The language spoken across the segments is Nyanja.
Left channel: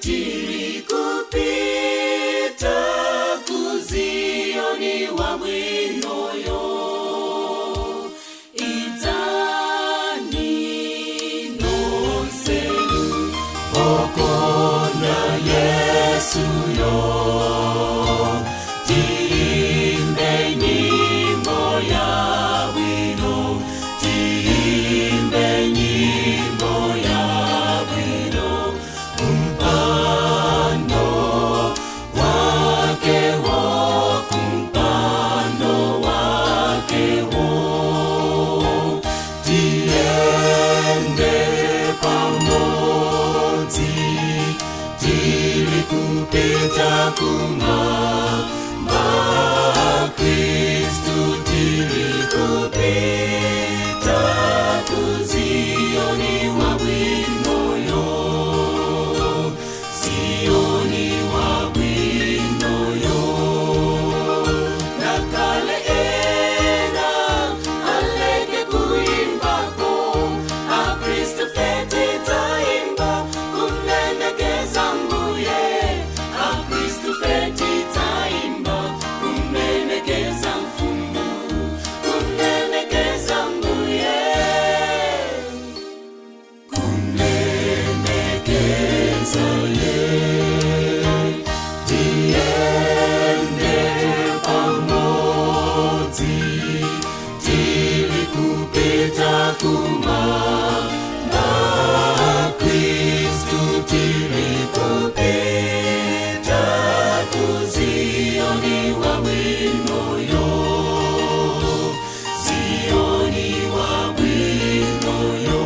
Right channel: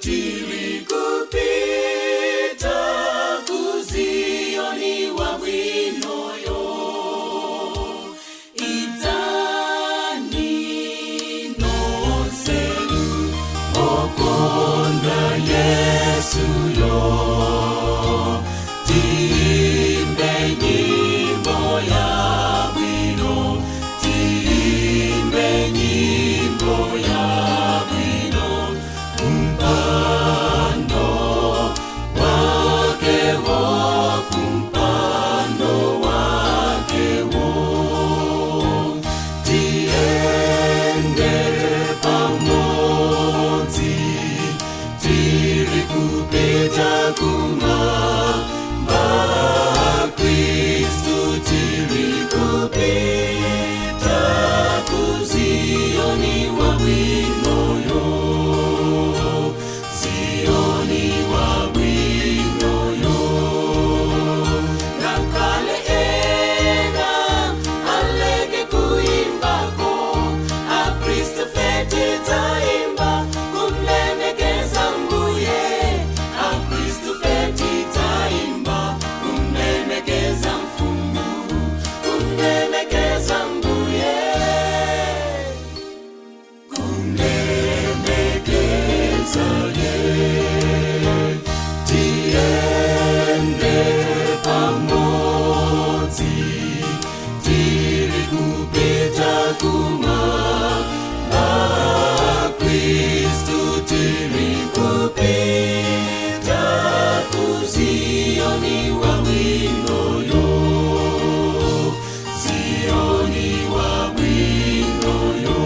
tiri kupita kuzioni wa winoyo itani nonsenu okonda Yesu yo timbe nyimbo ya wino timbe nyimbo ya wino kumpando wake wo kumpando wake wo tiende pamozi tiri kupita kumamba Kristu tiri kupita kuzioni wa winoyo Zioni wa winoyo nakale ena alege kuimbako a Kristu feti taimba kumlemekeza mbuye a Kristu feti taimba kumlemekeza mfumu kumlemekeza mbuye kumlemekeza tiende pamozi tiri kupita kumamba Kristu tiri kupita kuzioni wa winoyo Zioni wa winoyo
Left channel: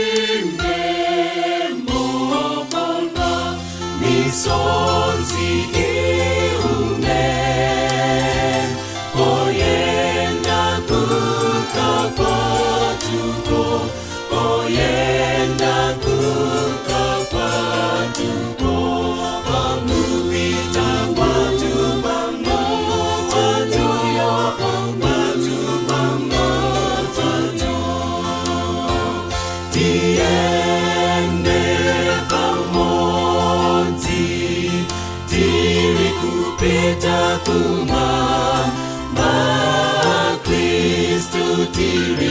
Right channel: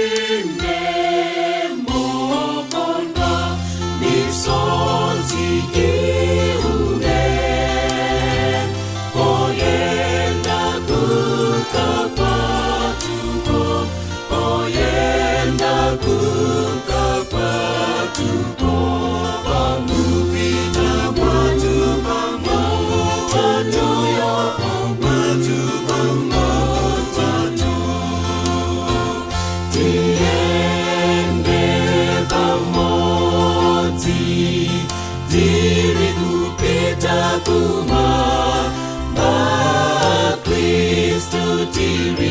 Timbe mokonda misonzi iume oyenda kukapatuko oyenda kukapatuko pamupita watu pamoja watu pamoja tiende pamozi tiri kupita kumamba Kristu tiri